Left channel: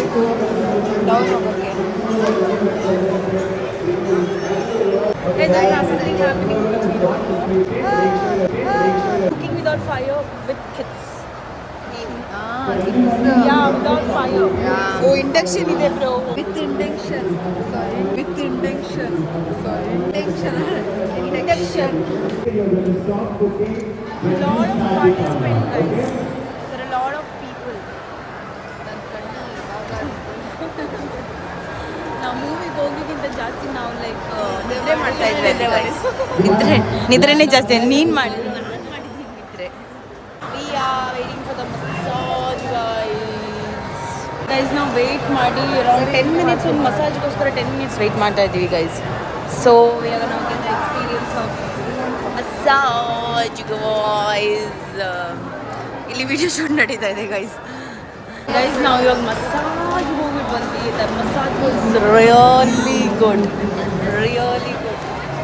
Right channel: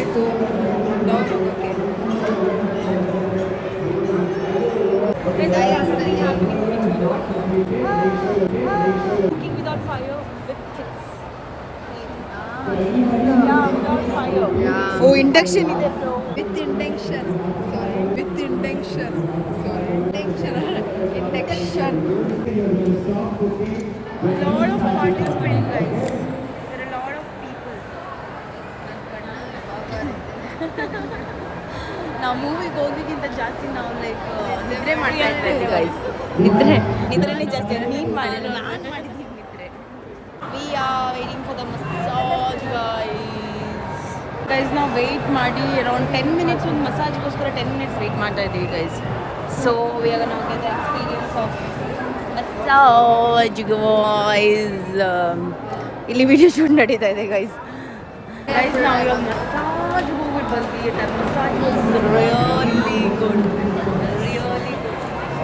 ಹೋಗಬೇಕು ಡೌನ್ ಹೋಗೋಕ್ಕೆ. Cooking without fire with kids. Yeah, Without fire. yeah. Oh, induction ಇದೆ bro. With intention. Sorry, with intention. Sorry, intention. Induction. A lot of participants, guys. There are a lot of people. ನಾವು ಮೂವಿಗೆ ಹೋಗಿಗಿಂತ ಜಾಸ್ತಿ ನಾವು like ನಿದ್ರೆ ಮಾಡ್ತಾ ಇದ್ವಿ guys. ನಿದ್ರೆನೇ ಜಾಸ್ತಿ. ನೀನು ಮಾಡಿದ್ರೆ ನಾನು ಮಾಡಿದ್ದೀನಿ ನಿದ್ರೆ. We are waiting for the massage guys ನಾವು ವೆಯ್ಟ್ ಮಾಡಿ ಅರೌಂಡ್ 10 ಮಿನಿಟ್ಸ್ ಒಂದು ಮಸಾಜ್ಗೋಸ್ಕರ 10 ಮಿನಿಟ್ಸ್ ವೆಯ್ಟ್ ಮಾಡ್ತಾ ಇದ್ದೀವಿ ಗೈಸ್. ಸೊ ವಿ ಆರ್ ನಾವು get the experience of massage guys. ಇಲ್ಲಿ ವಿಡಿಯೋ ಶೂಟ್ ನಡೀತಾ ಇದೆ ಗೈಸ್. ನಾವು ಇವಾಗ ಮಸಾಜ್ಗೆ ಹೋಗ್ಬಿಟ್ಟು ಬಂದ್ವಿ. The massage was really good.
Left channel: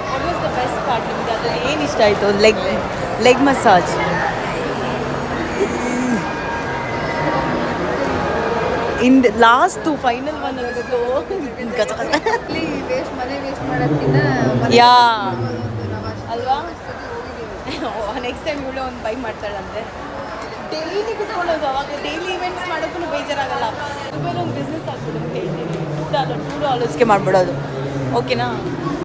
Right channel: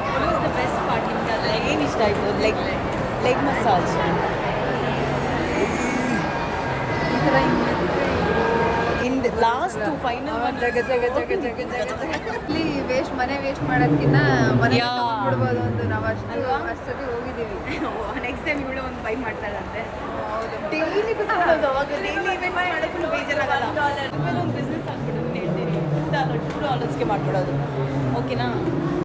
What was the best part ನಿಮ್ಗೆ ಅದ್ರಲ್ಲಿ ಏನು ಇಷ್ಟ ಆಯಿತು? Leg massage. In last final one waste ಮಾಡೋದಕ್ಕಿಂತ ಅಲ್ವಾ? ನೆಕ್ಸ್ಟ್ ಟೈಮ್ ಕೂಡ ಒಂದು ಬೈ ಮಾಡ್ತಾಳಂತೆ. ಡೈಲಿ ಕುತ್ಕೊಳ್ಳೋದು, ಅವಾಗ ಡೈಲಿ ಇವೆಂಟ್ಸ್ ಮಾಡೋಕ್ಕೂ ಬೇಜಾರಾಗಲ್ಲ. ಆಮೇಲೆ ಒಂದು ಬಿಸ್ನೆಸ್ ಆಗ್ಬಿಡುತ್ತೆ. $2 $2ಗೆ ಮಾಡಿಬಿಡೋದು. ಓಕೆನಾ?